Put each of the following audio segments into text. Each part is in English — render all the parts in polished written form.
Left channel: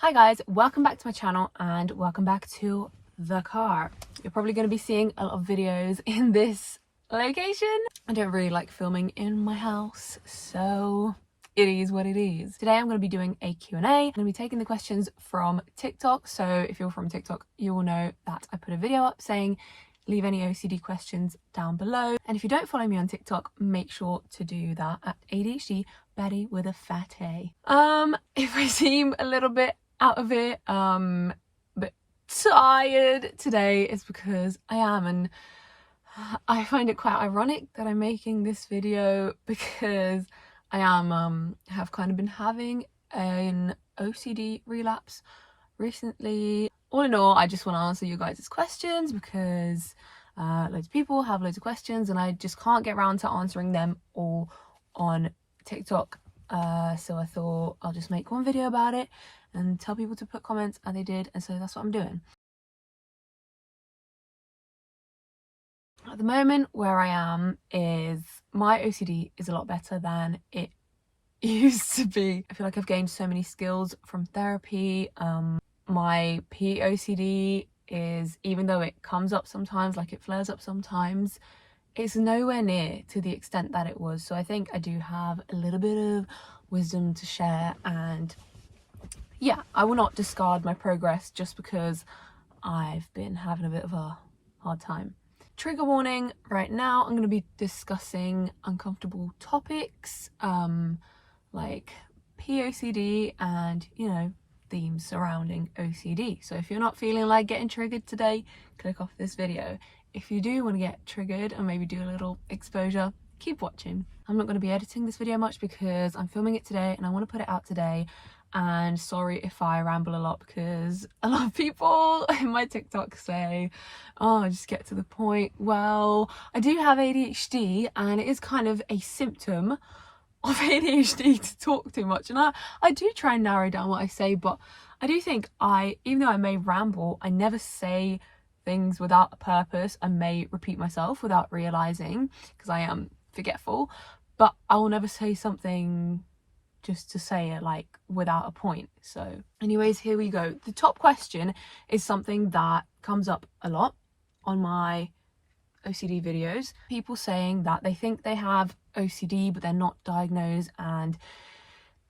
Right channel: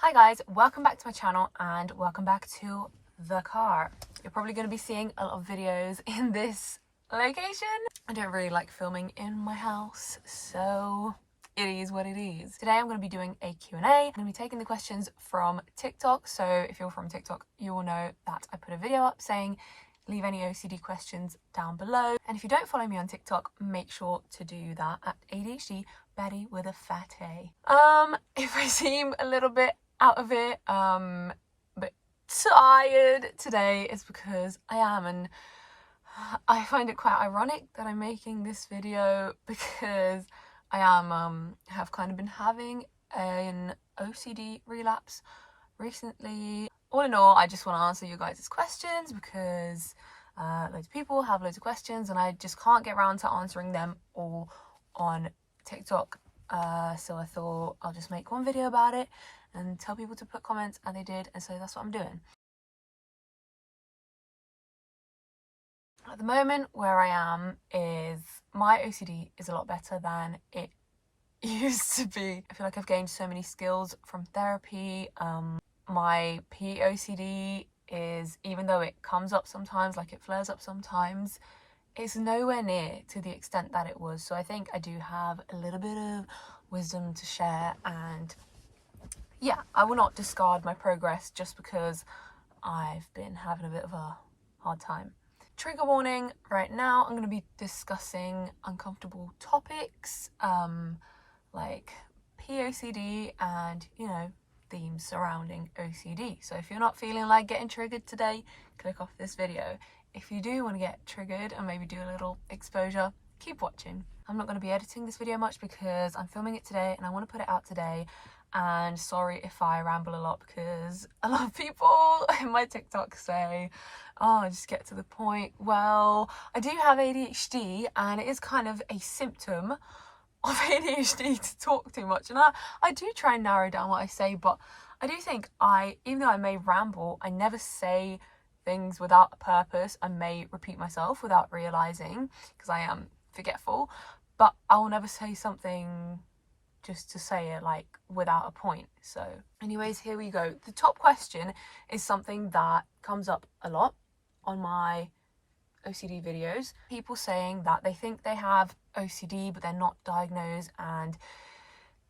Hi guys, welcome back to my channel and welcome back to the car. You're probably going to be seeing a lot of videos in this location. I don't really like filming in my house, so it is what it is. Today I'm going to be doing a Q&A. I'm going to be taking the questions from TikTok. So if you're from TikTok, you will know that I put a video up saying leave any OCD questions down below. And if you don't follow me on TikTok, make sure to do that at ADHD Betty with a fat A. If I seem a little bit out of it, but tired today, is because I am, and I find it quite ironic that I'm making this video because I am have kind of been having an OCD relapse recently. All in all, I just want to answer you guys' questions because loads of people have loads of questions and I just can't get around to answering them all on TikTok. So I thought I'll just make one video about it and tell people to put comments, and they did, and so that's what I'm doing. At the moment where I am is my OCD is a lot better than it used to be. I feel like I've gained so many skills from therapy. My Pocd is, even though it comes up sometimes, like it flares up sometimes, it's nowhere near to the extent that it was. So I think I do have a little bit of wisdom to share, and yeah, I will not discard my progress just because I've been having a bit of a hard time. Trigger warning, right now I'm going to be discussing uncomfortable topics like POCD and, you know, themes surrounding OCD. So if you're not feeling like getting triggered today, click off this video. If you do want to get triggered and maybe do a little exposure, keep watching. I'm not going to be editing this video much because I'm filming it today and I want to put it out today. And sorry if I ramble a lot because a lot of people in my TikTok say, oh, just get to the point. Well, I do have ADHD and it is kind of a symptom of ADHD to talk too much. And I do try and narrow down what I say, but I do think even though I may ramble, I never say things without a purpose. I may repeat myself without realizing because I am forgetful, but I will never say something just to say it, like without a point. So anyways, here we go. The top question is something that comes up a lot on my OCD videos. People saying that they think they have OCD but they're not diagnosed and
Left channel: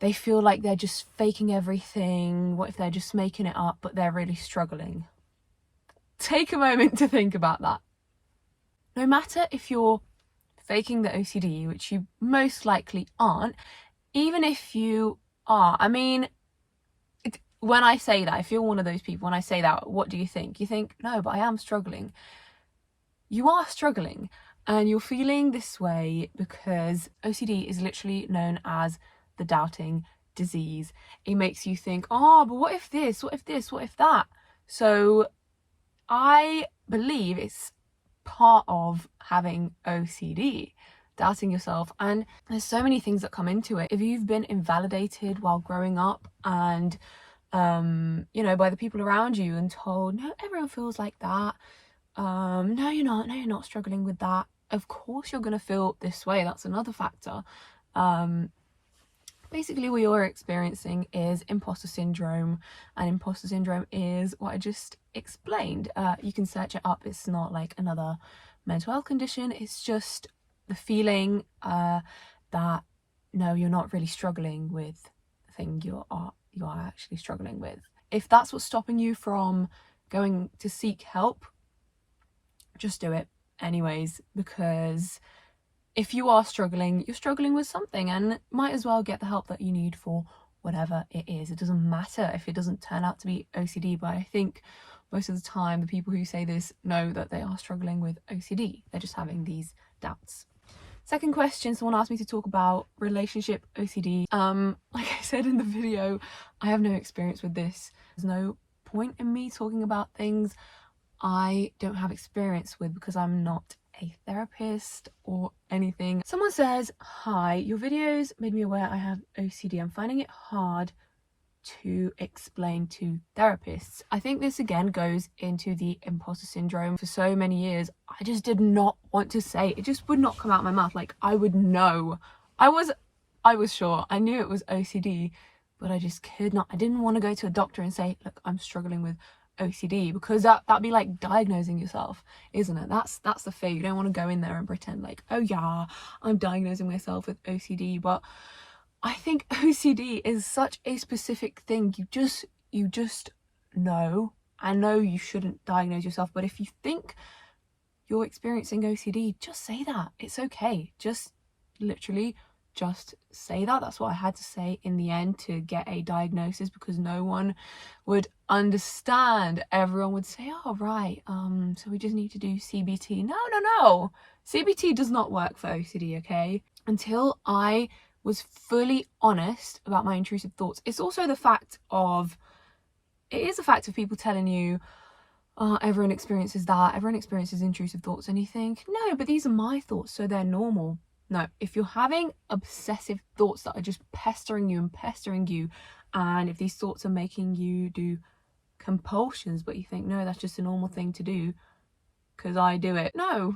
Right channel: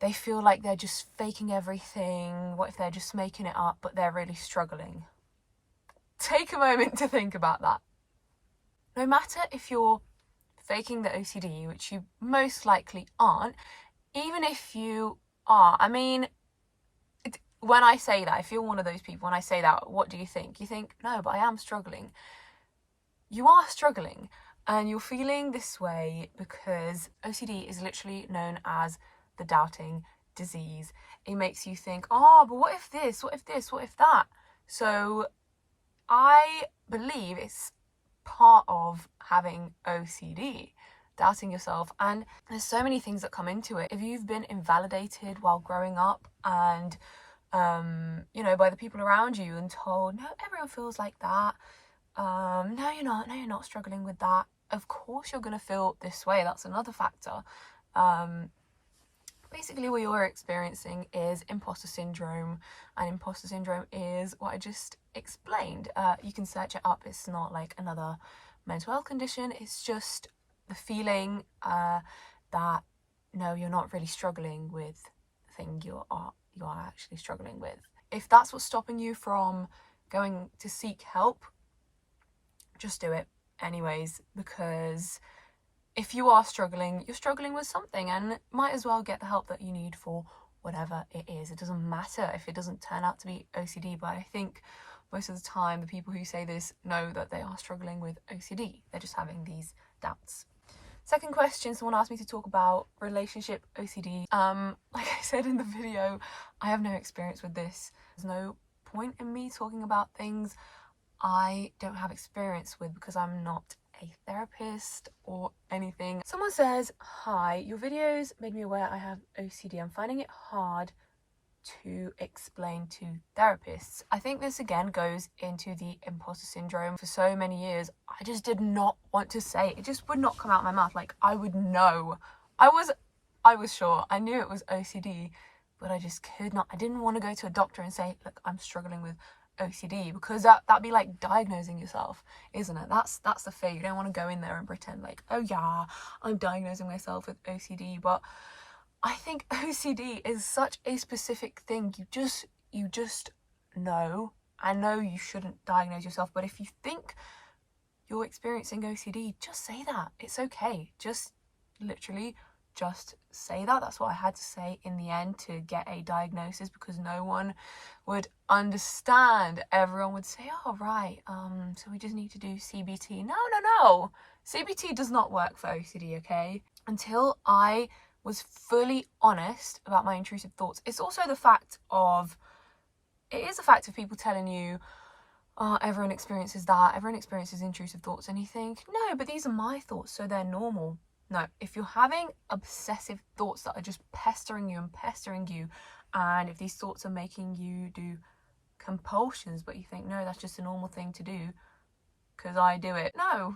they feel like they're just faking everything. What if they're just making it up but they're really struggling? Take a moment to think about that. No matter if you're faking the OCD, which you most likely aren't, even if you are, I mean, when I say that, if you're one of those people, when I say that, what do you think? You think, no, but I am struggling. You are struggling and you're feeling this way because OCD is literally known as the doubting disease. It makes you think, oh, but what if this, what if this, what if that? So I believe it's part of having OCD, doubting yourself, and there's so many things that come into it. If you've been invalidated while growing up and you know, by the people around you and told, no, everyone feels like that, no you're not struggling with that, of course you're going to feel this way. That's another factor. Basically what you're experiencing is imposter syndrome, and imposter syndrome is what I just explained. You can search it up. It's not like another mental health condition. It's just the feeling that no, you're not really struggling with the thing you are actually struggling with. If that's what's stopping you from going to seek help, just do it anyways, because if you are struggling, you're struggling with something and might as well get the help that you need for whatever it is. It doesn't matter if it doesn't turn out to be OCD, but I think most of the time the people who say this know that they are struggling with OCD. They're just having these doubts. Second question, someone asked me to talk about relationship OCD. Like I said in the video, I have no experience with this. There's no point in me talking about things I don't have experience with because I'm not a therapist or anything. Someone says, hi, your videos made me aware I have OCD. I'm finding it hard to explain to therapists. I think this again goes into the imposter syndrome. For so many years, I just did not want to say it. It just would not come out of my mouth. Like I would know. I was sure. I knew it was OCD, but I just could not. I didn't want to go to a doctor and say, look, I'm struggling with OCD, because that'd be like diagnosing yourself, isn't it? That's the fear. You don't want to go in there and pretend like, oh yeah, I'm diagnosing myself with OCD. But I think OCD is such a specific thing. You just know. I know you shouldn't diagnose yourself, but if you think you're experiencing OCD, just say that. It's okay. Just literally just say that. That's what I had to say in the end to get a diagnosis, because no one would understand. Everyone would say, oh right, so we just need to do CBT. No. CBT does not work for OCD, okay? Until I was fully honest about my intrusive thoughts. It is a fact of people telling you, oh, everyone experiences that, everyone experiences intrusive thoughts, and you think, no, but these are my thoughts, so they're normal. No, if you're having obsessive thoughts that are just pestering you, and if these thoughts are making you do compulsions, but you think, no, that's just a normal thing to do because I do it. No.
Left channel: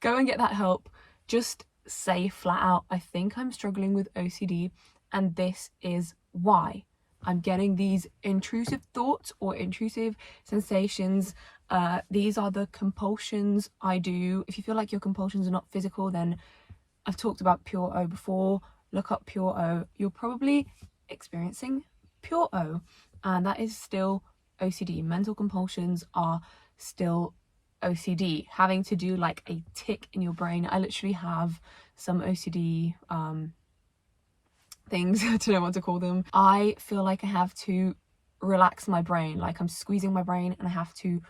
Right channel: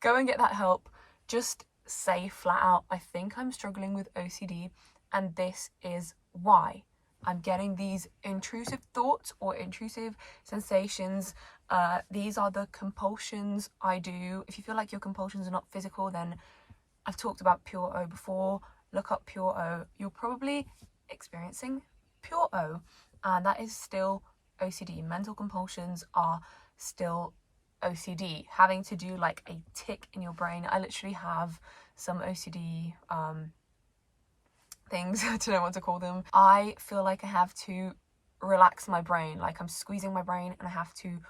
Go and get that help. Just say flat out, I think I'm struggling with OCD, and this is why. I'm getting these intrusive thoughts or intrusive sensations. These are the compulsions I do. If you feel like your compulsions are not physical, then I've talked about pure O before. Look up pure O. You're probably experiencing pure O, and that is still OCD. Mental compulsions are still OCD, having to do like a tick in your brain. I literally have some OCD things, I don't know what to call them. I feel like I have to relax my brain, like I'm squeezing my brain and I have to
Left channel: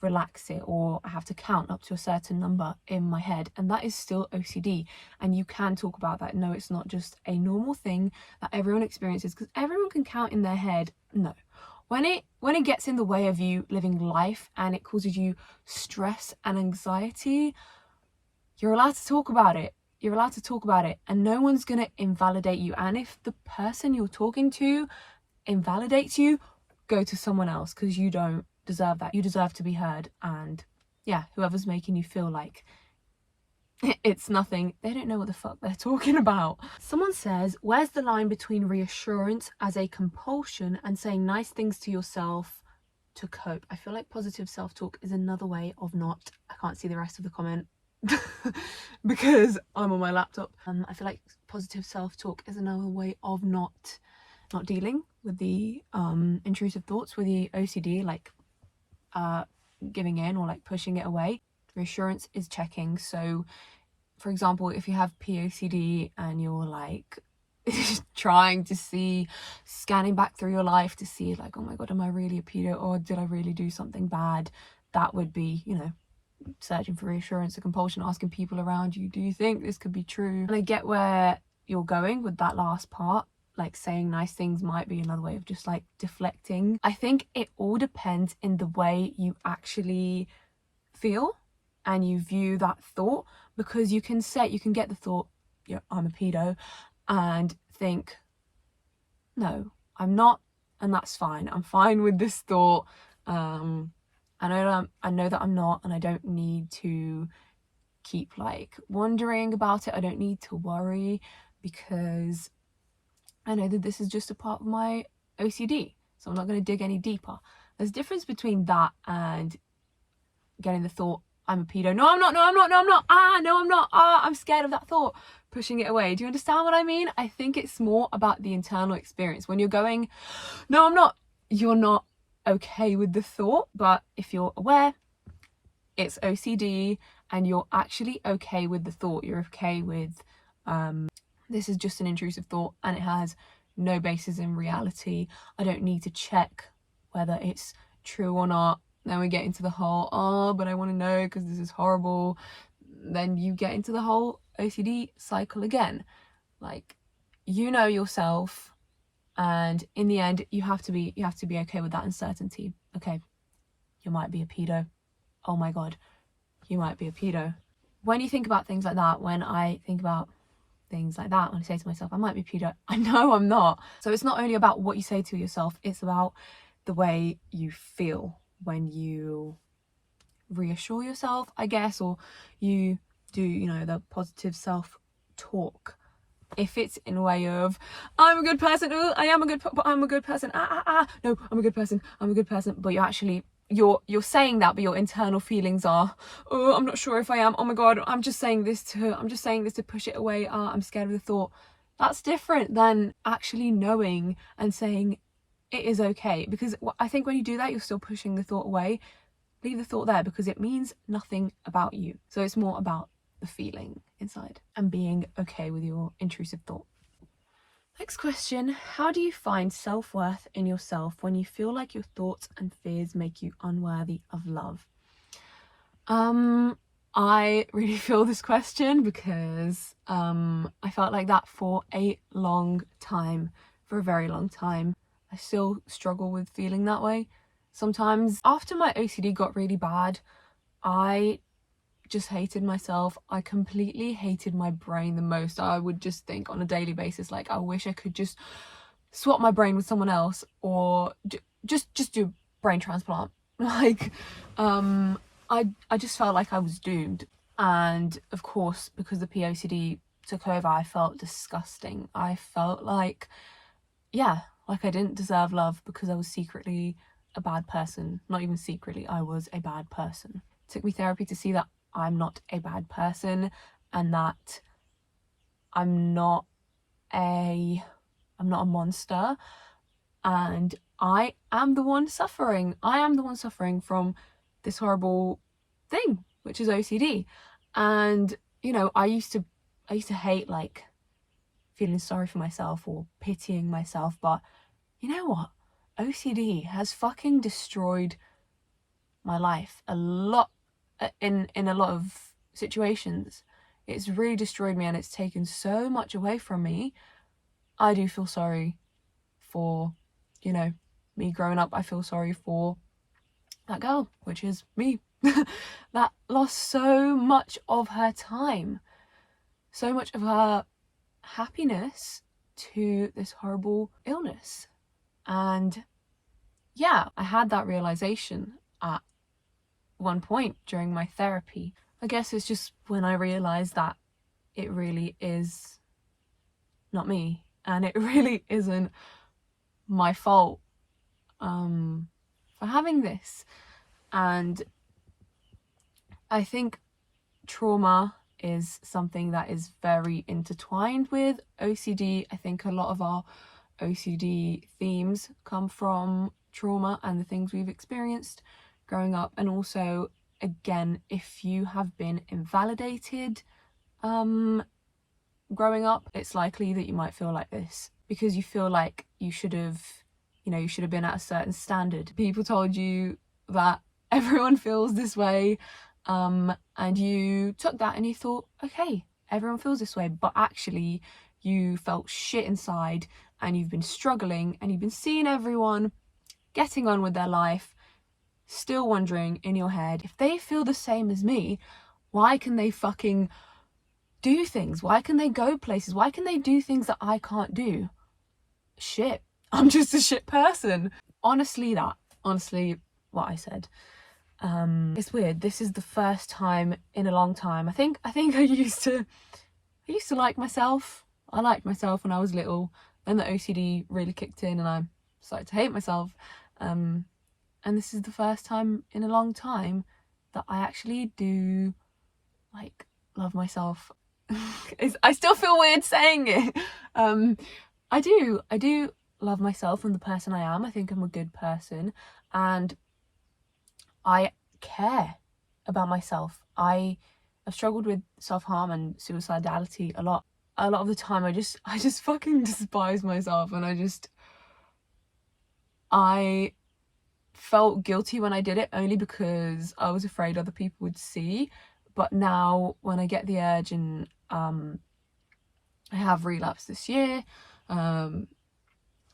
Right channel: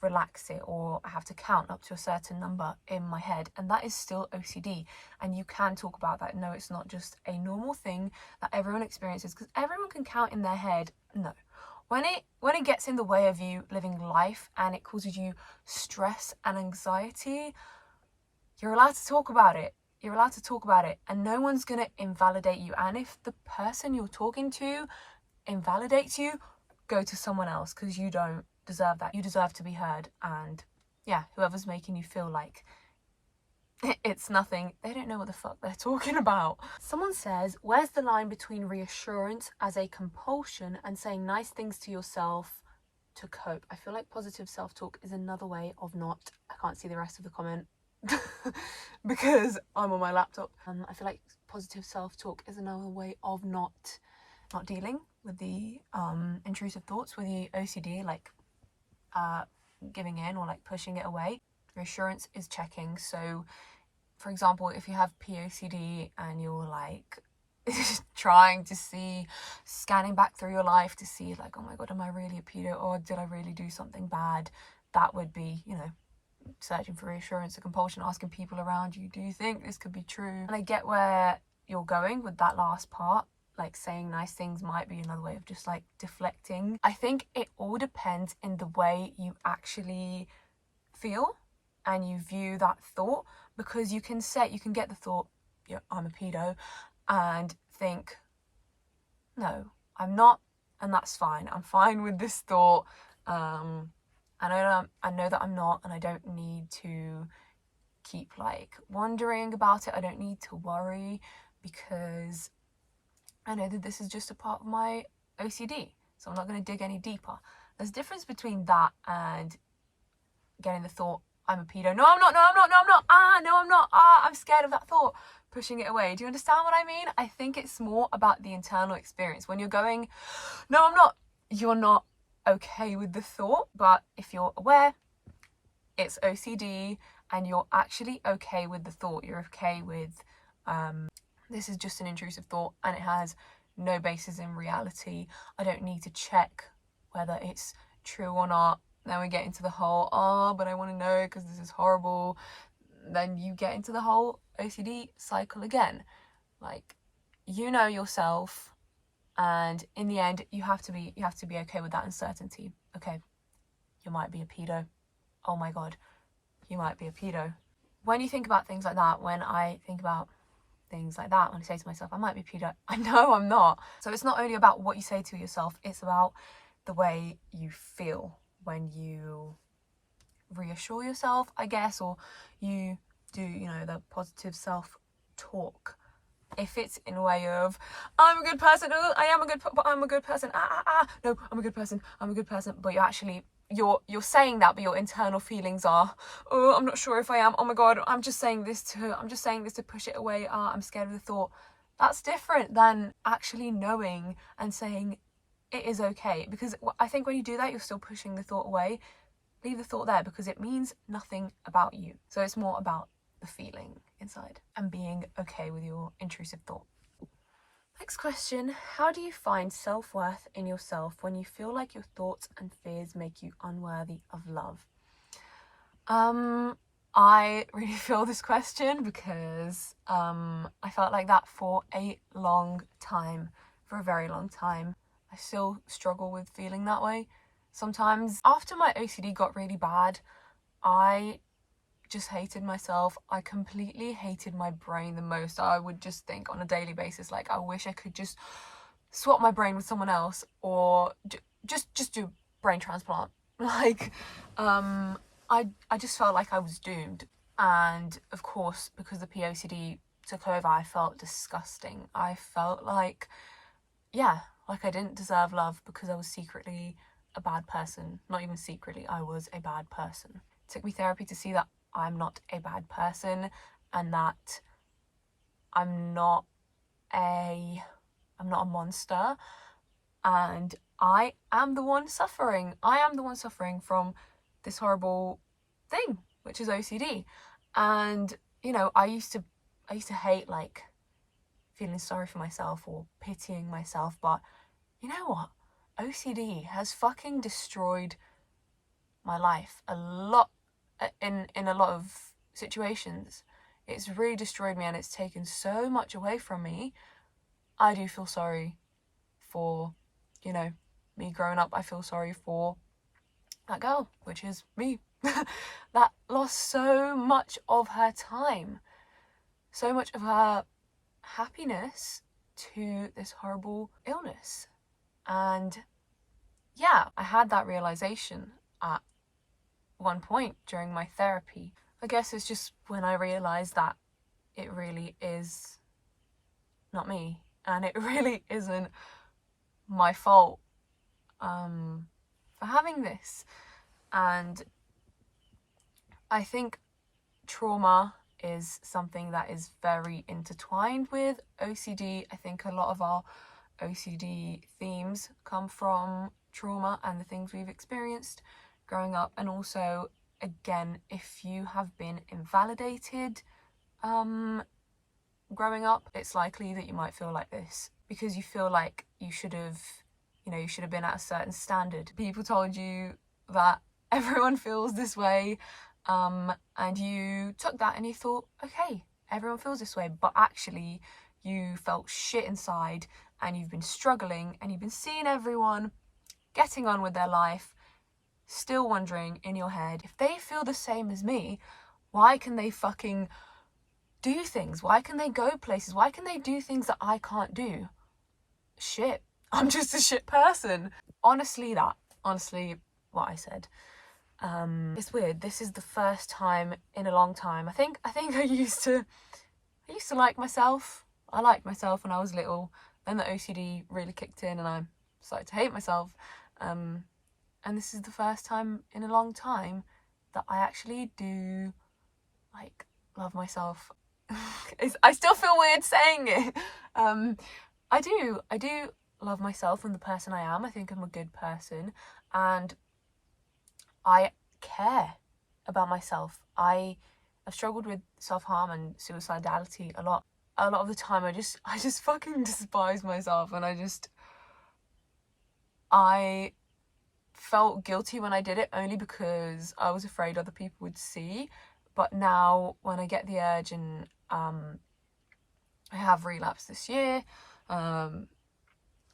relax it, or I have to count up to a certain number in my head, and that is still OCD. And you can talk about that. No, it's not just a normal thing that everyone experiences, because everyone can count in their head. No, when it gets in the way of you living life and it causes you stress and anxiety, you're allowed to talk about it. You're allowed to talk about it, and no one's gonna invalidate you. And if the person you're talking to invalidates you, go to someone else, because you don't deserve that. You deserve to be heard. And yeah, whoever's making you feel like it's nothing, they don't know what the fuck they're talking about. Someone says, where's the line between reassurance as a compulsion and saying nice things to yourself to cope? I feel like positive self-talk is another way of not, I can't see the rest of the comment because I'm on my laptop. I feel like positive self-talk is another way of not dealing with the intrusive thoughts, with the OCD, like giving in or like pushing it away. Reassurance is checking. So for example, if you have POCD and you're like trying to scanning back through your life to see like, oh my god, am I really a pedo, or did I really do something bad? That would be, you know, searching for reassurance, a compulsion, asking people around you, do you think this could be true? And I get where you're going with that last part, like saying nice things might be another way of just like deflecting. I think it all depends in the way you actually feel and you view that thought, because you can get the thought, yeah, I'm a pedo, and think, no, I'm not, and that's fine. I'm fine with this thought. I know that I'm not, and I don't need to keep like wondering about it. I don't need to worry, because I know that this is just a part of my OCD, so I'm not going to dig any deeper. There's a difference between that and getting the thought, I'm a pedo. No, I'm not. No, I'm not. No, I'm not. No, I'm not. I'm scared of that thought. Pushing it away. Do you understand what I mean? I think it's more about the internal experience. When you're going, no, I'm not, you're not okay with the thought. But if you're aware it's OCD and you're actually okay with the thought, you're okay with, this is just an intrusive thought and it has no basis in reality. I don't need to check whether it's true or not. Then we get into the whole, oh, but I want to know because this is horrible. Then you get into the whole OCD cycle again. Like, you know yourself, and in the end you have to be okay with that uncertainty. Okay, you might be a pedo. Oh my god, you might be a pedo. When you think about things like that, when I think about things like that, when I say to myself, I might be a pedo, I know I'm not. So it's not only about what you say to yourself, it's about the way you feel when you reassure yourself, I guess, or you do, you know, the positive self-talk. If it's in a way of, I'm a good person, I am a good, but I'm a good person, no, I'm a good person, but you're saying that, but your internal feelings are, oh, I'm not sure if I am, oh my god, I'm just saying this to push it away, I'm scared of the thought. That's different than actually knowing and saying it is okay, because I think when you do that, you're still pushing the thought away. Leave the thought there, because it means nothing about you. So it's more about the feeling inside and being okay with your intrusive thought. Next question, how do you find self-worth in yourself when you feel like your thoughts and fears make you unworthy of love? I really feel this question, because I felt like that for a long time, for a very long time. I still struggle with feeling that way sometimes. After my OCD got really bad, I just hated myself. I completely hated my brain the most. I would just think on a daily basis, like, I wish I could just swap my brain with someone else, or just do a brain transplant. Like, I just felt like I was doomed. And of course, because the POCD took over, I felt disgusting. I felt like, yeah, like I didn't deserve love, because I was secretly a bad person. Not even secretly, I was a bad person. It took me therapy to see that I'm not a bad person, and that I'm not a monster, and I am the one suffering. I am the one suffering from this horrible thing, which is OCD. And you know, I used to hate like feeling sorry for myself or pitying myself, but you know what? OCD has fucking destroyed my life a lot, in a lot of situations. It's really destroyed me, and it's taken so much away from me. I do feel sorry for, you know, me growing up. I feel sorry for that girl, which is me, that lost so much of her time, so much of her happiness to this horrible illness. And yeah, I had that realization at one point during my therapy. I guess it's just when I realized that it really is not me, and it really isn't my fault for having this. And I think trauma is something that is very intertwined with OCD. I think a lot of our OCD themes come from trauma and the things we've experienced growing up. And also, again, if you have been invalidated growing up, it's likely that you might feel like this, because you feel like you should have been at a certain standard. People told you that everyone feels this way, and you took that and you thought, okay, everyone feels this way, but actually you felt shit inside, and you've been struggling, and you've been seeing everyone getting on with their life, still wondering in your head, if they feel the same as me, why can they fucking do things? Why can they go places? Why can they do things that I can't do? Shit, I'm just a shit person. Honestly, what I said. It's weird. This is the first time in a long time. I think I used to like myself. I liked myself when I was little. Then the OCD really kicked in, and I started to hate myself. And this is the first time in a long time that I actually do like love myself. I still feel weird saying it. I do love myself and the person I am. I think I'm a good person, and I care about myself. I've struggled with self-harm and suicidality a lot. A lot of the time I just fucking despise myself, and I felt guilty when I did it, only because I was afraid other people would see. But now when I get the urge, and I have relapsed this year, and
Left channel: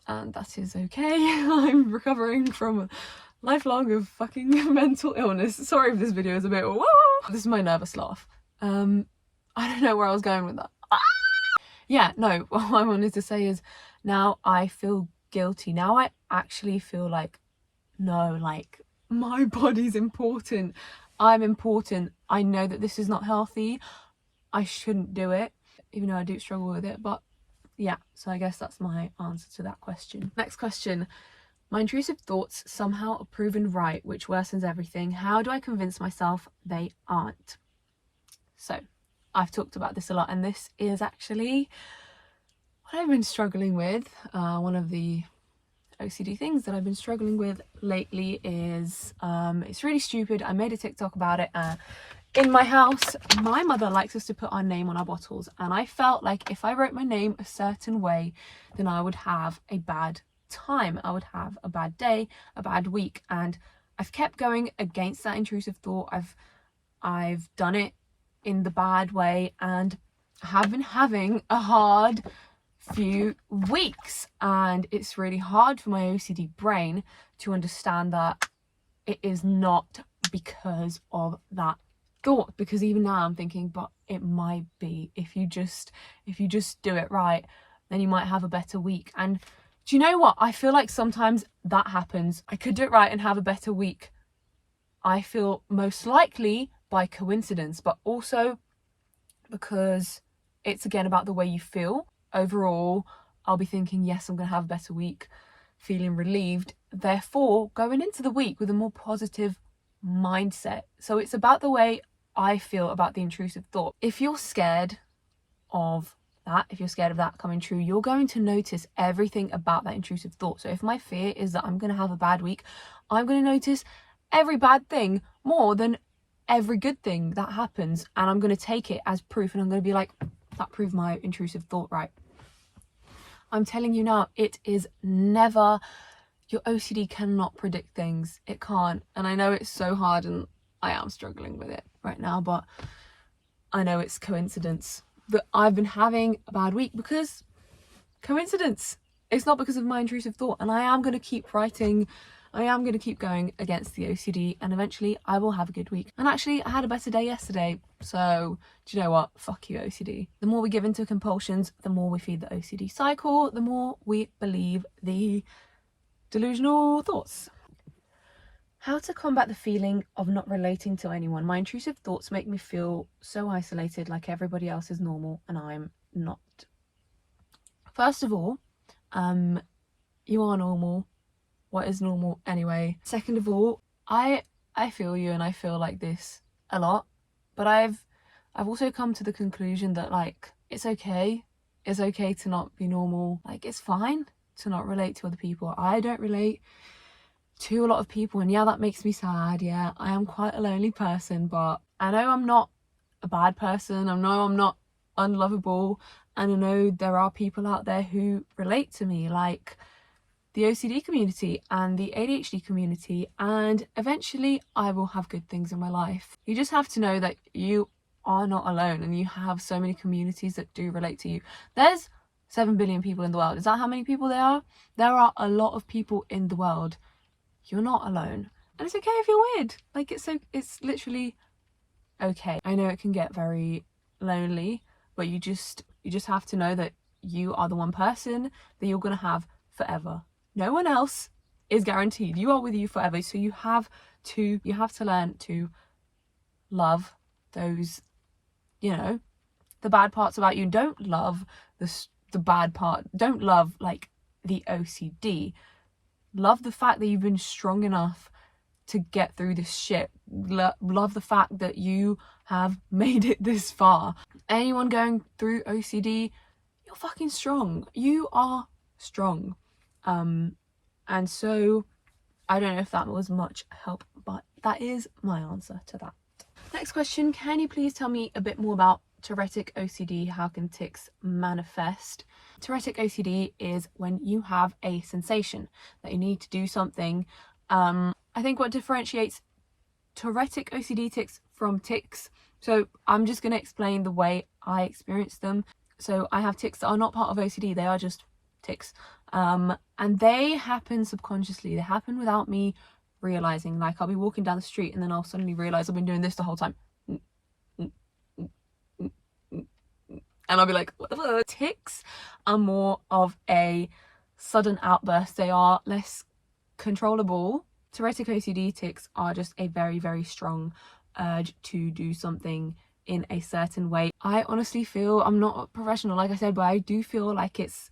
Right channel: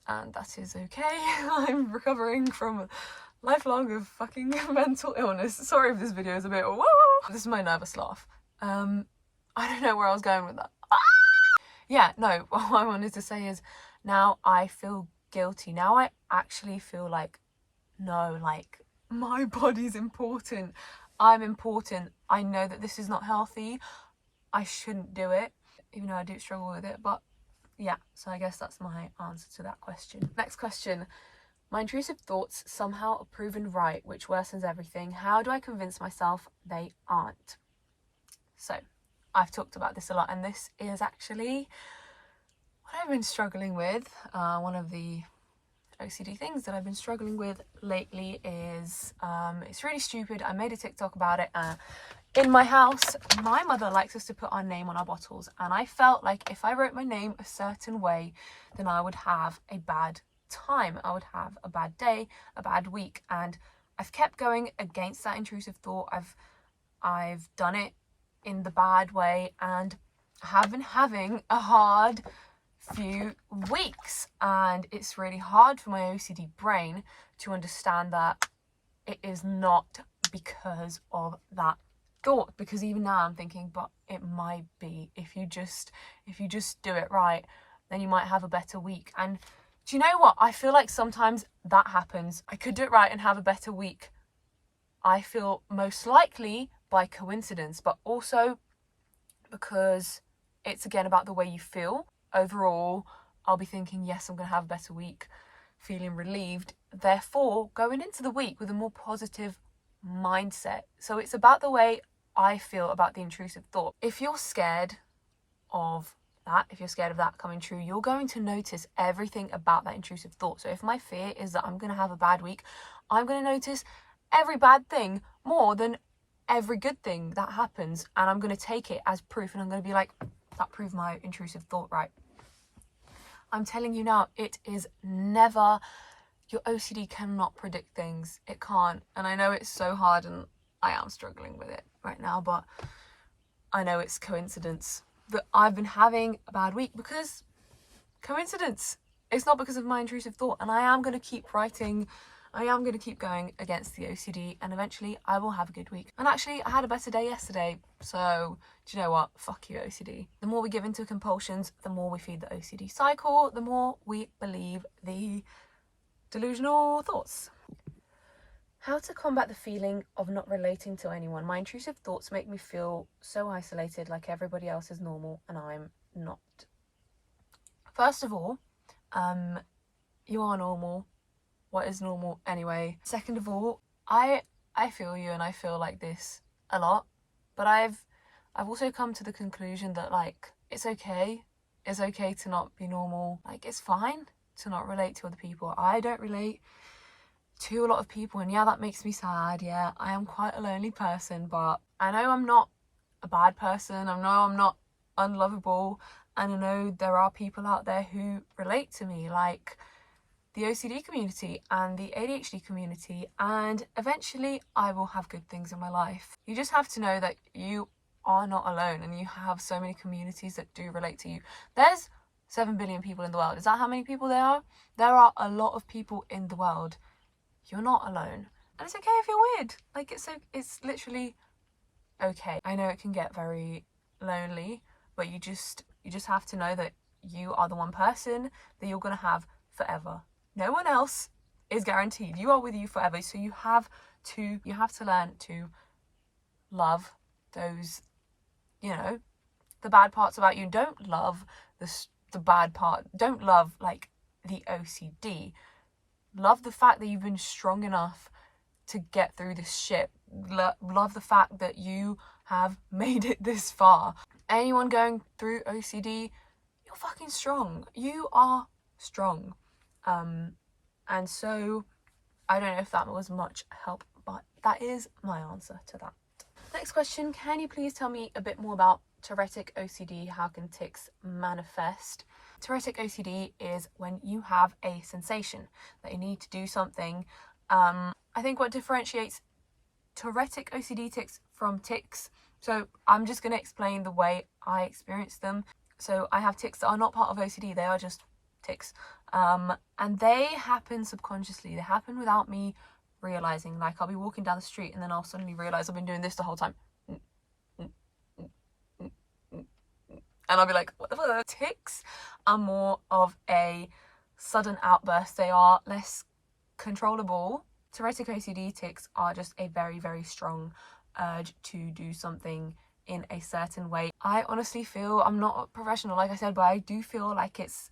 that is okay. I'm recovering from a lifelong of fucking mental illness. Sorry if this video is a bit whoa. This is my nervous laugh. I don't know where I was going with that. Yeah, no, what I wanted to say is, now I feel guilty. Now I actually feel like, no, like, my body's important. I'm important. I know that this is not healthy. I shouldn't do it, even though I do struggle with it. But yeah, so I guess that's my answer to that question. Next question. My intrusive thoughts somehow are proven right, which worsens everything. How do I convince myself they aren't? So I've talked about this a lot, and this is actually what I've been struggling with. One of the OCD things that I've been struggling with lately is, it's really stupid. I made a TikTok about it. In my house, my mother likes us to put our name on our bottles, and I felt like if I wrote my name a certain way, then I would have a bad time. I would have a bad day, a bad week, and I've kept going against that intrusive thought. I've done it in the bad way, and I have been having a hard few weeks, and it's really hard for my OCD brain to understand that it is not because of that thought, because even now I'm thinking, but it might be. If you just do it right, then you might have a better week. And do you know what? I feel like sometimes that happens. I could do it right and have a better week. I feel most likely by coincidence, but also because it's again about the way you feel. Overall, I'll be thinking, yes, I'm going to have a better week, feeling relieved. Therefore, going into the week with a more positive mindset. So it's about the way I feel about the intrusive thought. If you're scared of that coming true, you're going to notice everything about that intrusive thought. So if my fear is that I'm going to have a bad week, I'm going to notice every bad thing more than every good thing that happens, and I'm going to take it as proof, and I'm going to be like, that proved my intrusive thought right. I'm telling you now, it is never, your OCD cannot predict things. It can't. And I know it's so hard, and I am struggling with it right now, but I know it's coincidence that I've been having a bad week because coincidence. It's not because of my intrusive thought, and I am going to keep writing. I am going to keep going against the OCD, and eventually I will have a good week. And actually, I had a better day yesterday. So, do you know what? Fuck you, OCD. The more we give into compulsions, the more we feed the OCD cycle, the more we believe the delusional thoughts. How to combat the feeling of not relating to anyone. My intrusive thoughts make me feel so isolated, like everybody else is normal and I'm not. First of all, you are normal. What is normal anyway? Second of all, I feel you, and I feel like this a lot, but I've also come to the conclusion that, like, it's okay to not be normal. Like, it's fine to not relate to other people. I don't relate to a lot of people, and yeah, that makes me sad. Yeah, I am quite a lonely person, but I know I'm not a bad person. I know I'm not unlovable, and I know there are people out there who relate to me, like the OCD community and the ADHD community, and eventually I will have good things in my life. You just have to know that you are not alone, and you have so many communities that do relate to you. There's 7 billion people in the world. Is that how many people there are? There are a lot of people in the world. You're not alone, and it's okay if you're weird. Like, it's literally okay. I know it can get very lonely, but you just have to know that you are the one person that you're gonna have forever. No one else is guaranteed. You are with you forever. So you have to learn to love those, the bad parts about you. Don't love the bad part. Don't love, like, the OCD. Love the fact that you've been strong enough to get through this shit. Love the fact that you have made it this far. Anyone going through OCD, you're fucking strong. You are strong. And so I don't know if that was much help, but that is my answer to that. Next question, can you please tell me a bit more about Tourettic OCD? How can tics manifest? Tourettic OCD is when you have a sensation that you need to do something. I think what differentiates Tourettic OCD tics from tics, so I'm just going to explain the way I experience them. So I have tics that are not part of OCD, they are just tics. And they happen subconsciously. They happen without me realizing. Like, I'll be walking down the street and then I'll suddenly realize I've been doing this the whole time. And I'll be like, what the fuck? Tics are more of a sudden outburst. They are less controllable. Tourettic OCD tics are just a very, very strong urge to do something in a certain way. I honestly feel, I'm not a professional like I said, but I do feel like it's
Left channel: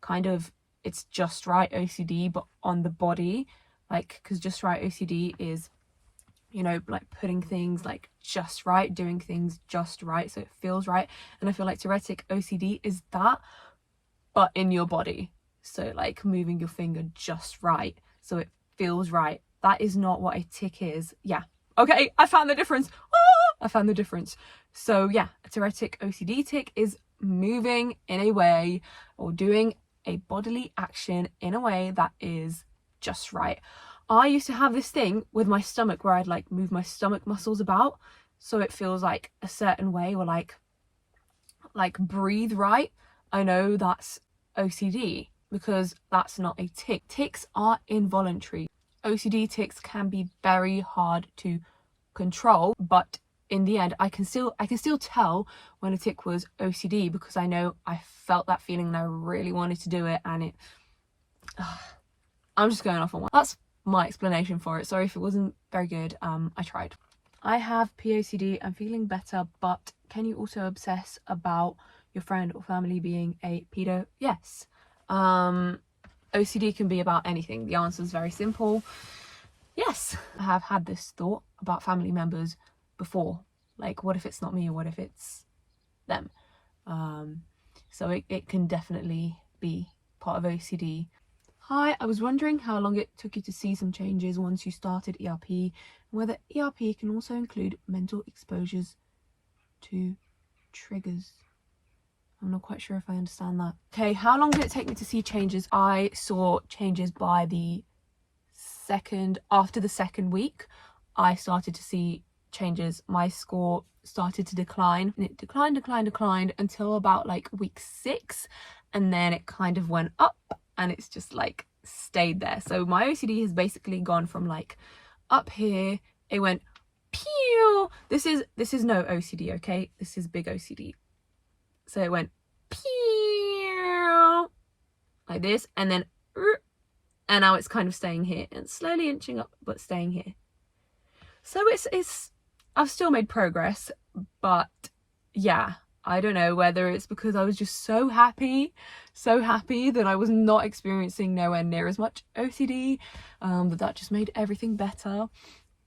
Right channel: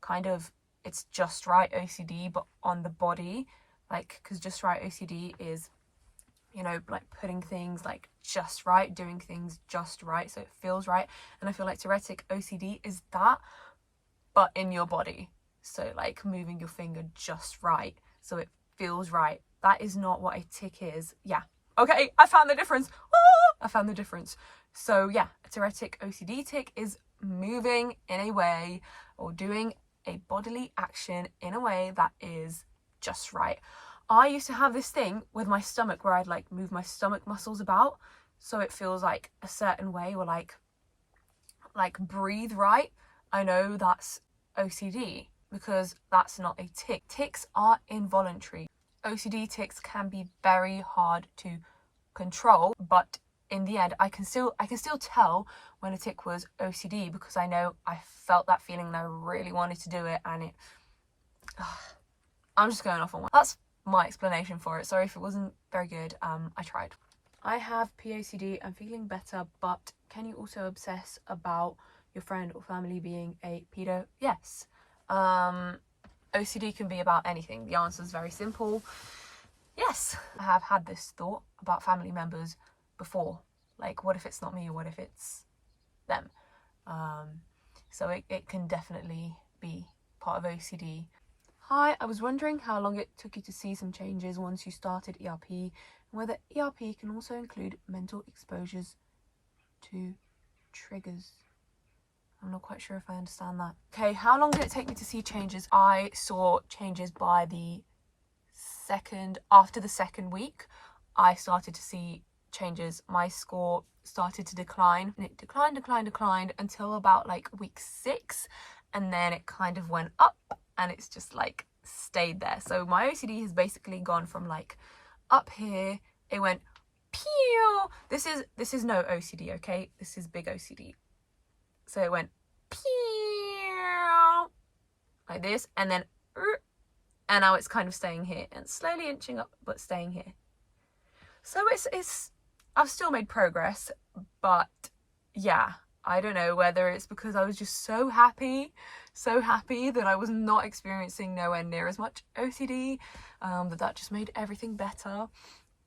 kind of, it's just right OCD but on the body, like, because just right OCD is, you know, like putting things like just right, doing things just right so it feels right. And I feel like Tourettic OCD is that, but in your body. So like moving your finger just right so it feels right. That is not what a tic is. Yeah, okay, I found the difference. I found the difference. So yeah, a Tourettic OCD tic is moving in a way, or doing a bodily action in a way that is just right. I used to have this thing with my stomach where I'd like move my stomach muscles about so it feels like a certain way, or like breathe right. I know that's OCD because that's not a tic. Tics are involuntary. OCD tics can be very hard to control, but in the end I can still tell when a tic was OCD because I know I felt that feeling and I really wanted to do it, and it I'm just going off on one. That's my explanation for it. Sorry if it wasn't very good. I tried. I have POCD. I'm feeling better, but can you also obsess about your friend or family being a pedo? Yes. OCD can be about anything. The answer is very simple. Yes. I have had this thought about family members before. Like, what if it's not me, or what if it's them? So it can definitely be part of OCD. Hi, I was wondering how long it took you to see some changes once you started ERP, and whether ERP can also include mental exposures to triggers. I'm not quite sure if I understand that. Okay, how long did it take me to see changes? I saw changes by after the second week. I started to see changes. My score started to decline, and it declined until about like week 6, and then it kind of went up, and it's just like stayed there. So my OCD has basically gone from like up here, it went pew. This is no OCD, okay? This is big OCD. So it went pew like this, and then and now it's kind of staying here and slowly inching up but staying here. So it's I've still made progress, but yeah, I don't know whether it's because I was just so happy that I was not experiencing nowhere near as much OCD, that just made everything better.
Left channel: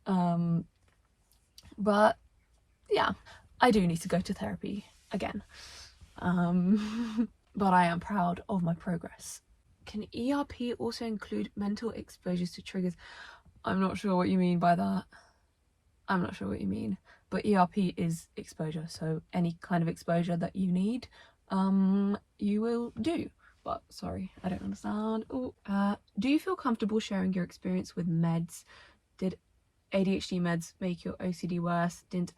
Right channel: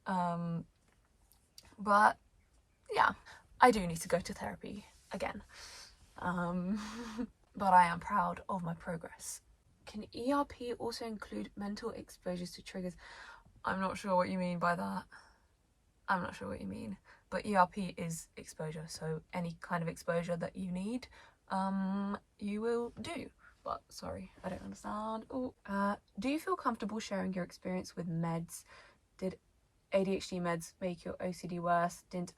But yeah, I do need to go to therapy again. But I am proud of my progress. Can ERP also include mental exposures to triggers? I'm not sure what you mean by that. I'm not sure what you mean. But ERP is exposure, so any kind of exposure that you need, you will do. But sorry, I don't understand. Do you feel comfortable sharing your experience with meds? Did ADHD meds make your OCD worse? Did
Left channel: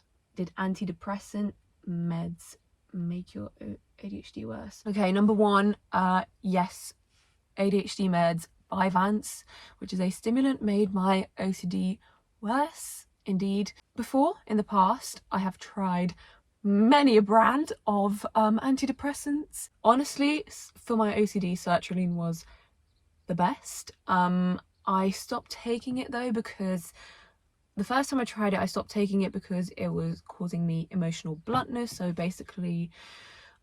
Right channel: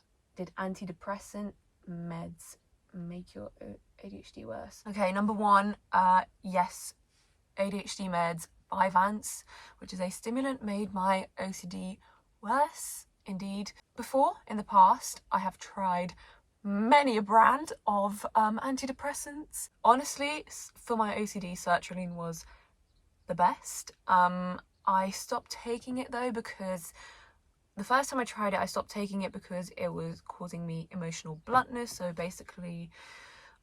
antidepressant meds make your ADHD worse? Okay, number 1, yes, ADHD meds by Vance, which is a stimulant, made my OCD worse. Indeed. Before, in the past, I have tried many a brand of antidepressants. Honestly, for my OCD, sertraline was the best. I stopped taking it though because the first time I tried it, I stopped taking it because it was causing me emotional bluntness. So basically,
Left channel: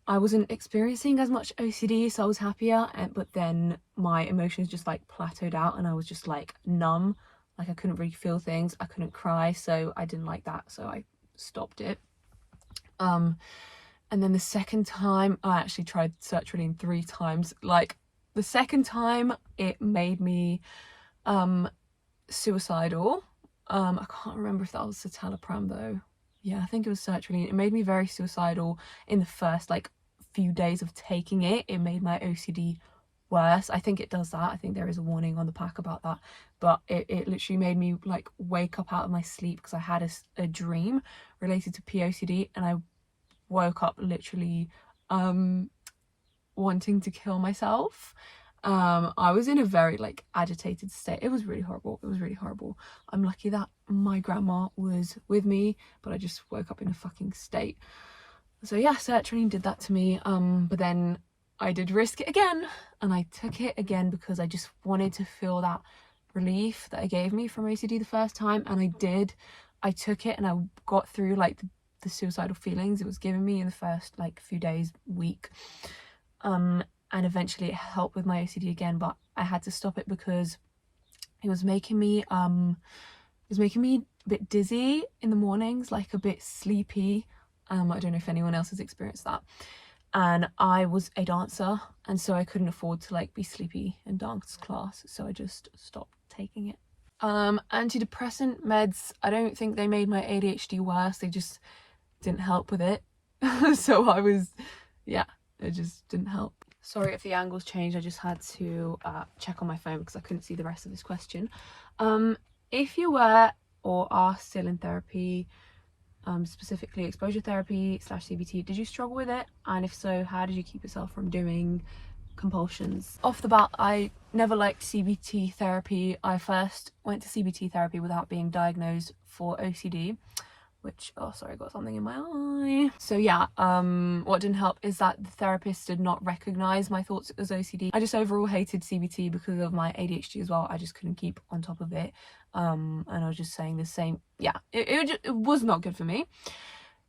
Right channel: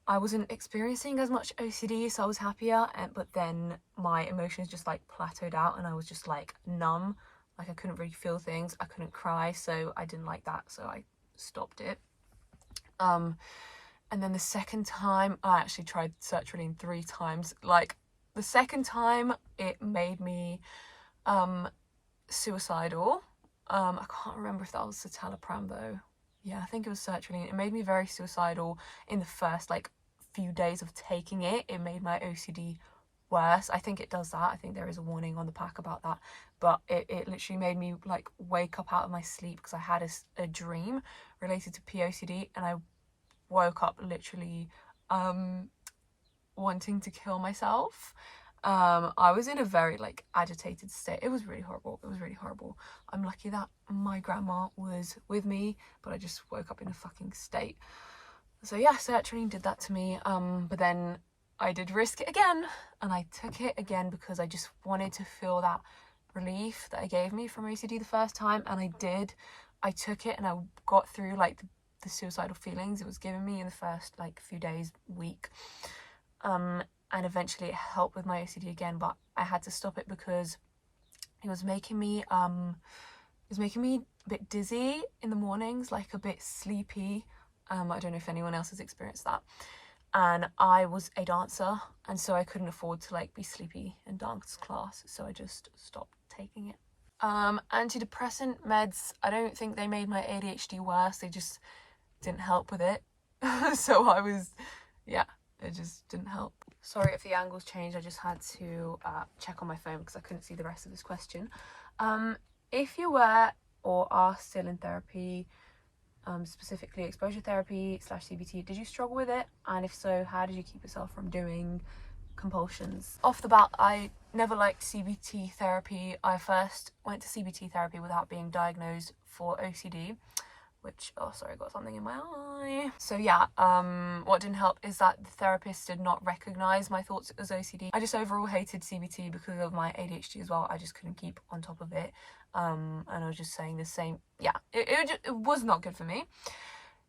I wasn't experiencing as much OCD, so I was happier. But then my emotions just like plateaued out, and I was just like numb. Like I couldn't really feel things, I couldn't cry, so I didn't like that, so I stopped it. And then the second time, I actually tried sertraline 3 times. Like the second time, it made me suicidal. I can't remember if that was citalopram though. Yeah, I think it was sertraline. It made me very suicidal in the first like few days of taking it. It made my OCD worse. I think it does that. I think there is a warning on the pack about that, but it literally made me like wake up out of my sleep because I had a dream related to POCD, and I woke up literally wanting to kill myself. I was in a very like agitated state. It was really horrible. I'm lucky that my grandma was with me, but I just woke up in a fucking state. So yeah, sertraline did that to me. But then I did risk it again, and I took it again because I just wanted to feel that relief that it gave me from OCD the first time, and I did. I took it and I got through like the the suicidal feelings it was giving me in the first like few days, week. And eventually it helped with my OCD again, but I had to stop it because it was making me a bit dizzy in the mornings, like a bit sleepy. I don't know if anyone else has experienced that. And I was a dancer, and so I couldn't afford to like be sleepy in dance class, so I just stopped taking it. Antidepressant meds, I don't think they made my ADHD worse, they just didn't help with it. So it just didn't help. Sorry if the angles changed, I just had to check on my phone because I couldn't see the rest of this question. If you were or are still in therapy, specifically exposure therapy / CBT, did you struggle with it? And if so, how did you keep yourself from doing compulsions? Off the bat, I never liked CBT therapy. I first went to CBT therapy without being diagnosed for OCD, which, oh sorry, got something in my eye. So yeah, what didn't help is that the therapist did not recognize my thoughts as OCD. I just overall hated CBT because of my ADHD as well. I just couldn't keep on top of it. And I was just saying the same. Yeah, it was not good for me.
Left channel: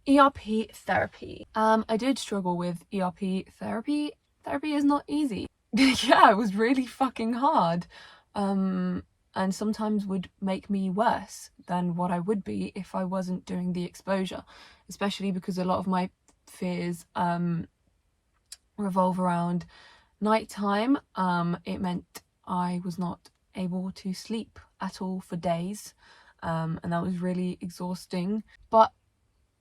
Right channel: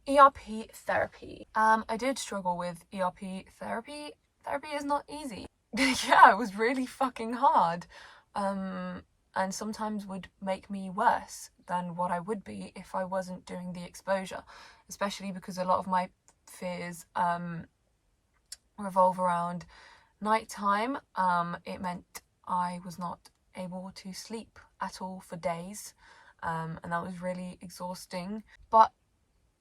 ERP therapy. I did struggle with ERP therapy. Therapy is not easy. Yeah, it was really fucking hard. And sometimes would make me worse than what I would be if I wasn't doing the exposure, especially because a lot of my fears revolve around nighttime. It meant I was not able to sleep at all for days, and that was really exhausting, but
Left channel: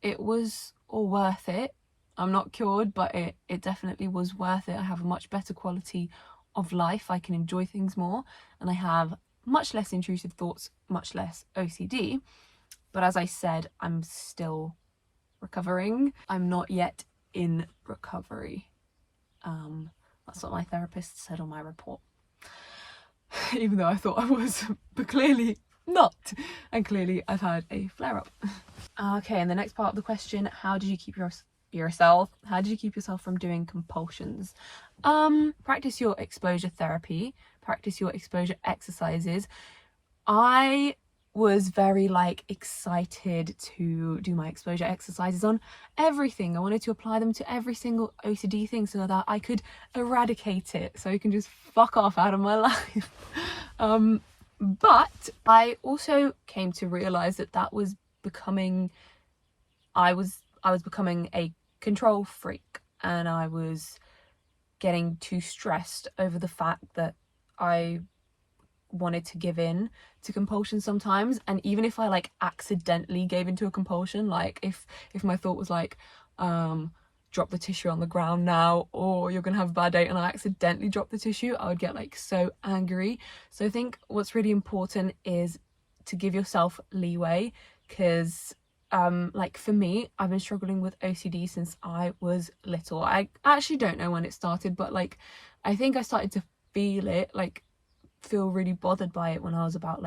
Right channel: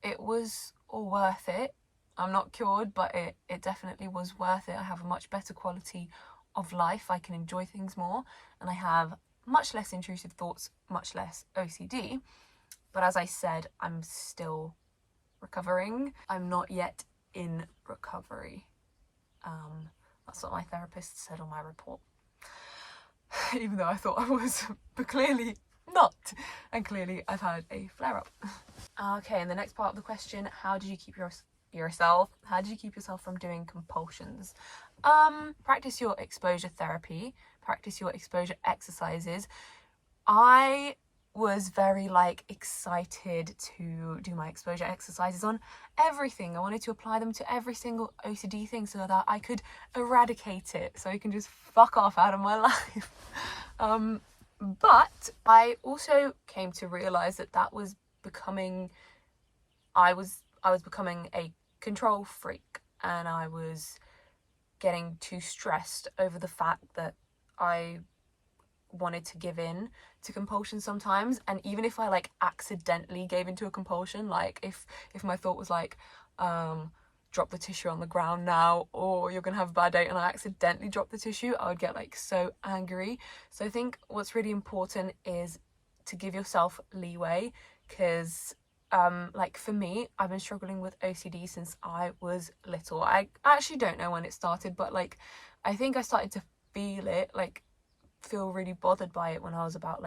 it was all worth it. I'm not cured, but it definitely was worth it. I have a much better quality of life. I can enjoy things more, and I have much less intrusive thoughts, much less OCD. But as I said, I'm still recovering. I'm not yet in recovery. That's what my therapist said on my report. Even though I thought I was, but clearly not. And clearly I've had a flare-up. Okay, and the next part of the question, how did you keep yourself from doing compulsions? Practice your exposure therapy, practice your exposure exercises. I was very excited to do my exposure exercises on everything. I wanted to apply them to every single OCD thing so that I could eradicate it, so it can just fuck off out of my life. But I also came to realize that was becoming, I was becoming a control freak, and I was getting too stressed over the fact that I wanted to give in to compulsion sometimes. And even if I accidentally gave into a compulsion, if my thought was drop the tissue on the ground now, or you're gonna have a bad day, and I accidentally dropped the tissue, I would get so angry. So I think what's really important is to give yourself leeway, because for me, I've been struggling with OCD since I was little. I actually don't know when it started, but I think I started to feel it, feel really bothered by it when I was about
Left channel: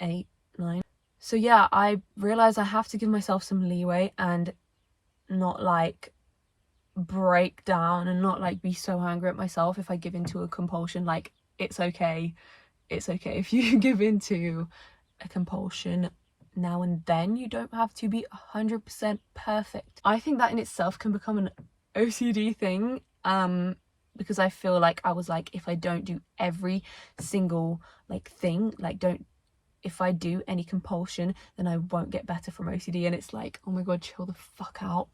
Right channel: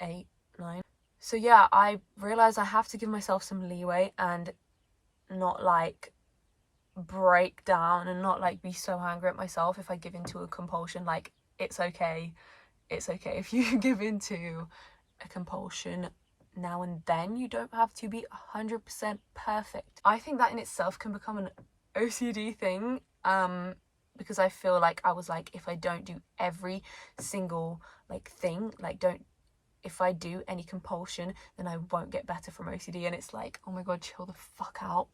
8, 9. So yeah, I realized I have to give myself some leeway and not break down, and not be so angry at myself if I give into a compulsion. It's okay if you give into a compulsion now and then. You don't have to be 100% perfect. I think that in itself can become an OCD thing, because I feel I was if I don't do every single thing, if I do any compulsion, then I won't get better from OCD. And it's oh my god, chill the fuck out.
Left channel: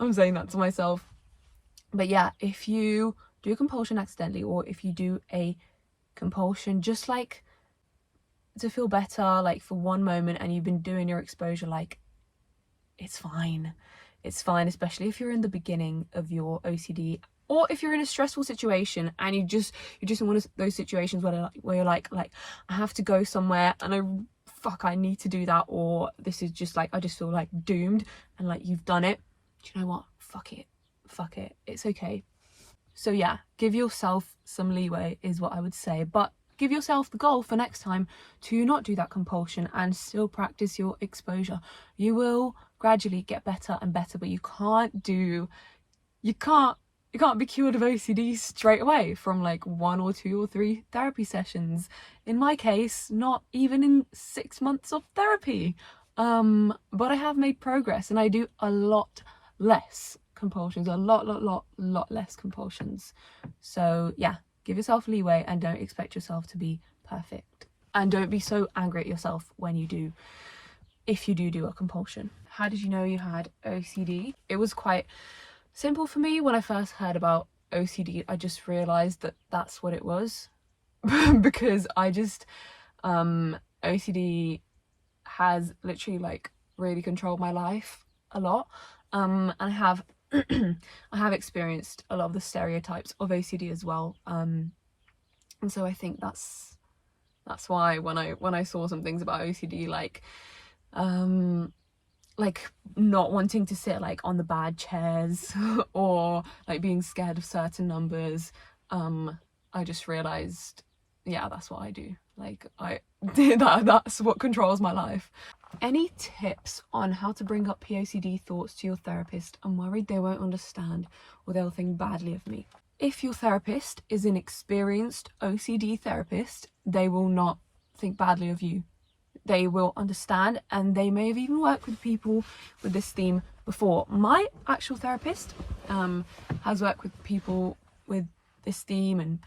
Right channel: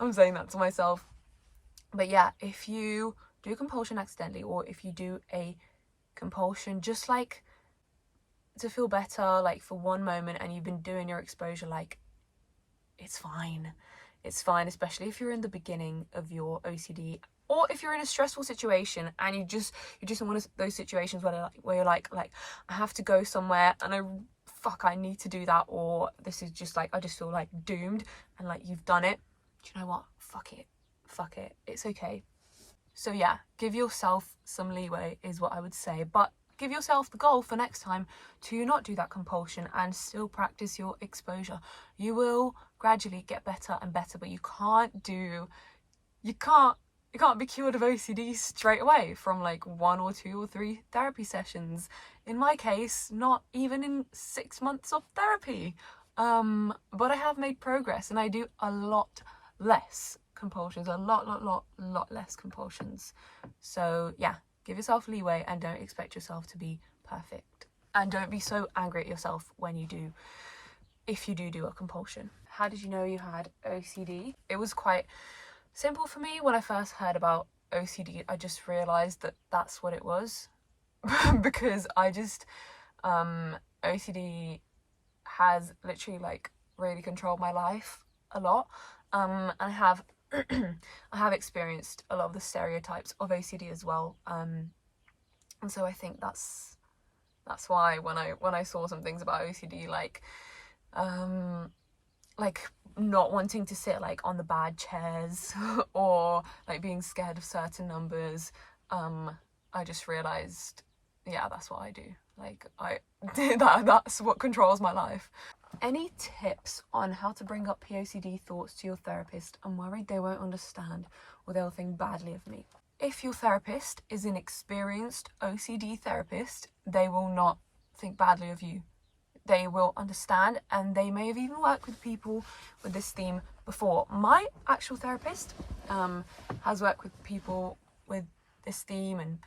I'm saying that to myself. But yeah, if you do a compulsion accidentally, or if you do a compulsion just to feel better, for one moment, and you've been doing your exposure, it's fine, especially if you're in the beginning of your OCD, or if you're in a stressful situation and you just in one of those situations where you're I have to go somewhere and I need to do that, or this is just I just feel doomed, and you've done it. Do you know what? Fuck it, it's okay. So yeah, give yourself some leeway is what I would say, but give yourself the goal for next time to not do that compulsion and still practice your exposure. You will gradually get better and better, but you can't be cured of OCD straight away from 1 or 2 or 3 therapy sessions. In my case, not even in 6 months of therapy. But I have made progress, and I do a lot less compulsions, a lot less compulsions. So yeah, give yourself leeway and don't expect yourself to be perfect. And don't be so angry at yourself when you do, if you do a compulsion. How did you know you had OCD? It was quite simple for me. When I first heard about OCD, I just realized that that's what it was. Because I just OCD has literally like really controlled my life a lot. And I have I have experienced a lot of the stereotypes of OCD as well. And so I think that's why when I saw some things about OCD, like not wanting to sit like on the bad chairs or like being scared of certain numbers, I just realized, yeah, that's what I do. Like that's what controls my life. Any tips on how to bring up POCD thoughts to your therapist? I'm worried they won't understand or they'll think badly of me. If your therapist is an experienced OCD therapist, they will not think badly of you. They will understand, and they may have even worked with people with this theme before. My actual therapist has worked with people with this theme and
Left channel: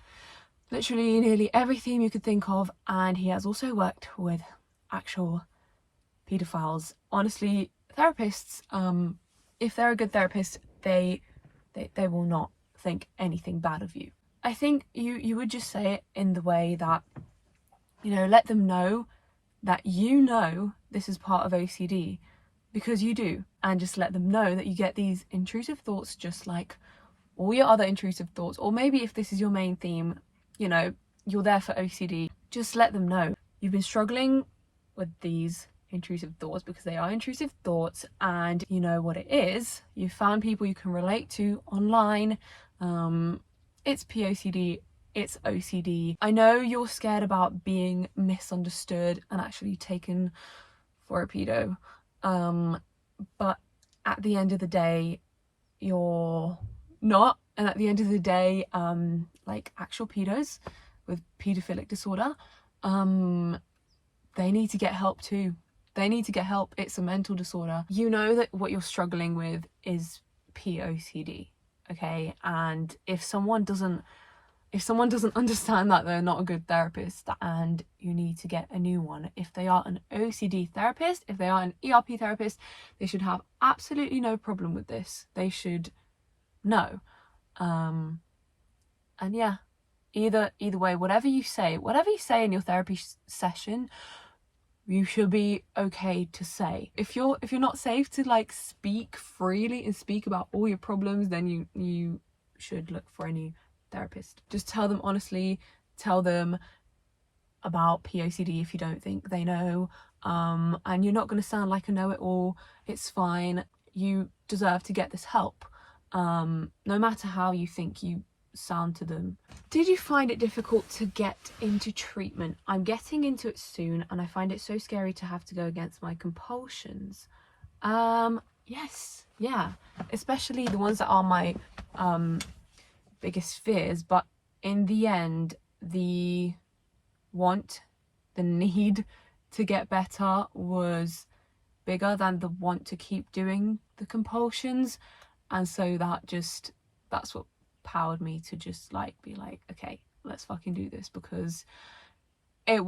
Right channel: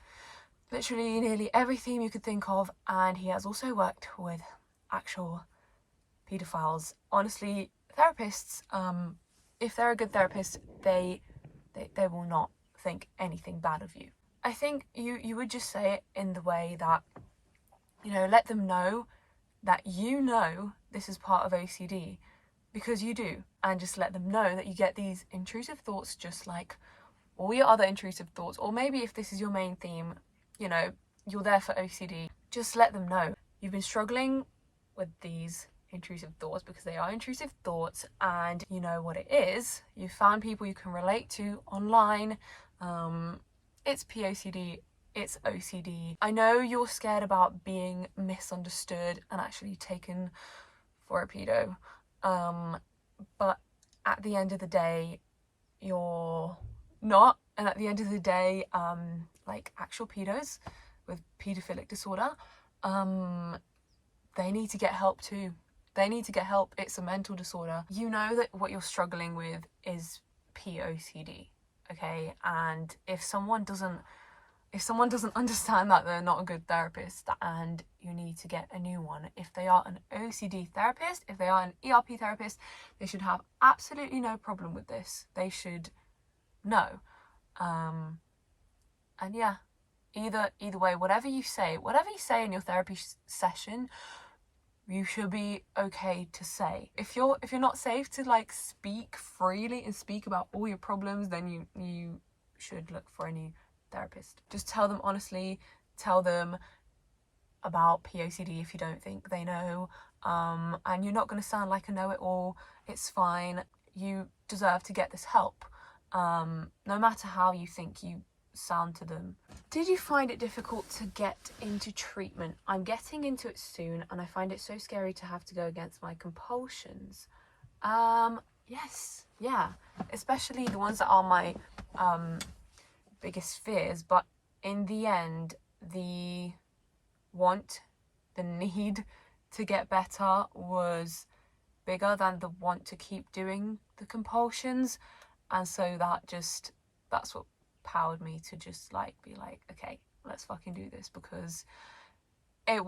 literally nearly every theme you could think of, and he has also worked with actual pedophiles. Honestly, therapists, if they're a good therapist, they will not think anything bad of you. I think you would just say it in the way that, you know, let them know that you know this is part of OCD, because you do, and just let them know that you get these intrusive thoughts just like all your other intrusive thoughts. Or maybe if this is your main theme, you know, you're there for OCD, just let them know you've been struggling with these intrusive thoughts because they are intrusive thoughts, and you know what it is. You found people you can relate to online. It's POCD, it's OCD. I know you're scared about being misunderstood and actually taken for a pedo, but at the end of the day, you're not. And at the end of the day, like actual pedos with paedophilic disorder, they need to get help too. They need to get help. It's a mental disorder. You know that what you're struggling with is POCD, okay? And if someone doesn't understand that, they're not a good therapist, and you need to get a new one. If they are an OCD therapist, if they are an ERP therapist, they should have absolutely no problem with this. They should know. And yeah, either way, whatever you say in your therapy session, you should be okay to say. If you're not safe to like speak freely and speak about all your problems, then you should look for a new therapist. Just tell them honestly, tell them about POCD if you don't think they know, and you're not going to sound like a know-it-all. It's fine. You deserve to get this help, no matter how you think you sound to them. Did you find it difficult to get into treatment? I'm getting into it soon, and I find it so scary to have to go against my compulsions. Yes, yeah, especially the ones that are my biggest fears, but in the end, the need to get better was bigger than the want to keep doing the compulsions, and so that's what powered me to just like be like, okay, let's fucking do this, because it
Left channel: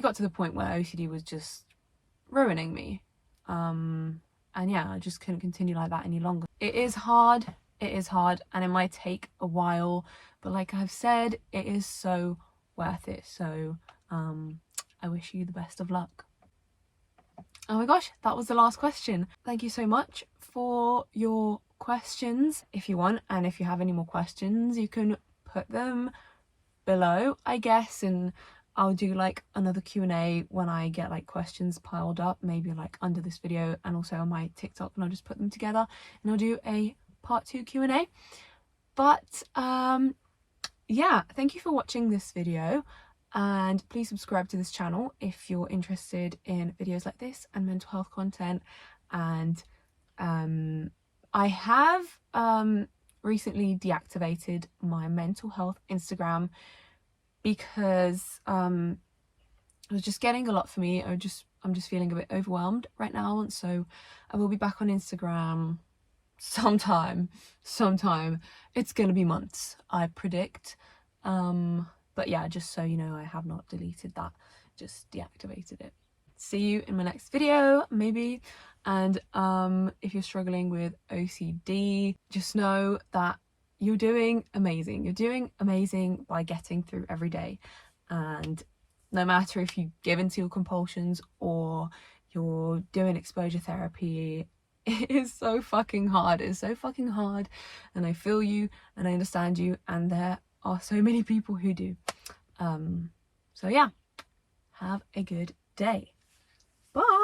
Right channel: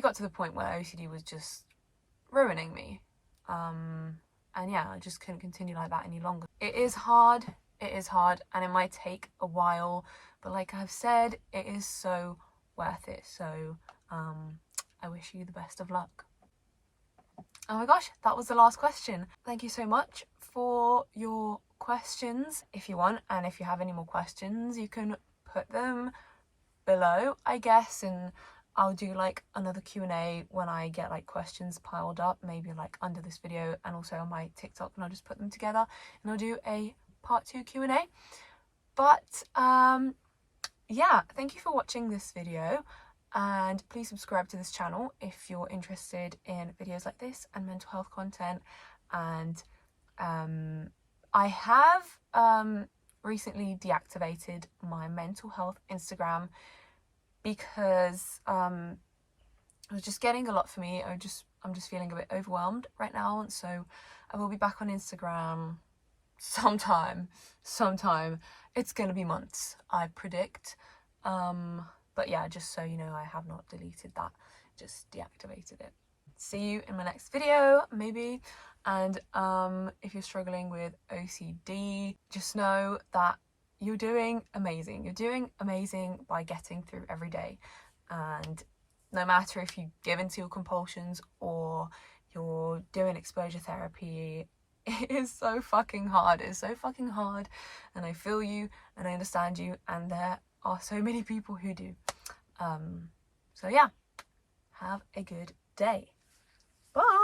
got to the point where OCD was just ruining me, and yeah, I just couldn't continue like that any longer. It is hard, and it might take a while, but like I've said, it is so worth it. So I wish you the best of luck. Oh my gosh, that was the last question. Thank you so much for your questions. If you want, and if you have any more questions, you can put them below, I guess, and I'll do like another Q&A when I get like questions piled up, maybe like under this video and also on my TikTok, and I'll just put them together and I'll do a part 2 Q&A. But yeah, thank you for watching this video, and please subscribe to this channel if you're interested in videos like this and mental health content. And I have recently deactivated my mental health Instagram because it was just getting a lot for me. I just I'm just feeling a bit overwhelmed right now. So I will be back on Instagram sometime. It's gonna be months, I predict. But yeah, just so you know, I have not deleted that, just deactivated it. See you in my next video, maybe. And if you're struggling with OCD, just know that you're doing amazing. You're doing amazing by getting through every day. And no matter if you give into your compulsions or you're doing exposure therapy, it is so fucking hard. It's so fucking hard. And I feel you and I understand you. And there are so many people who do. So yeah, have a good day. Bye.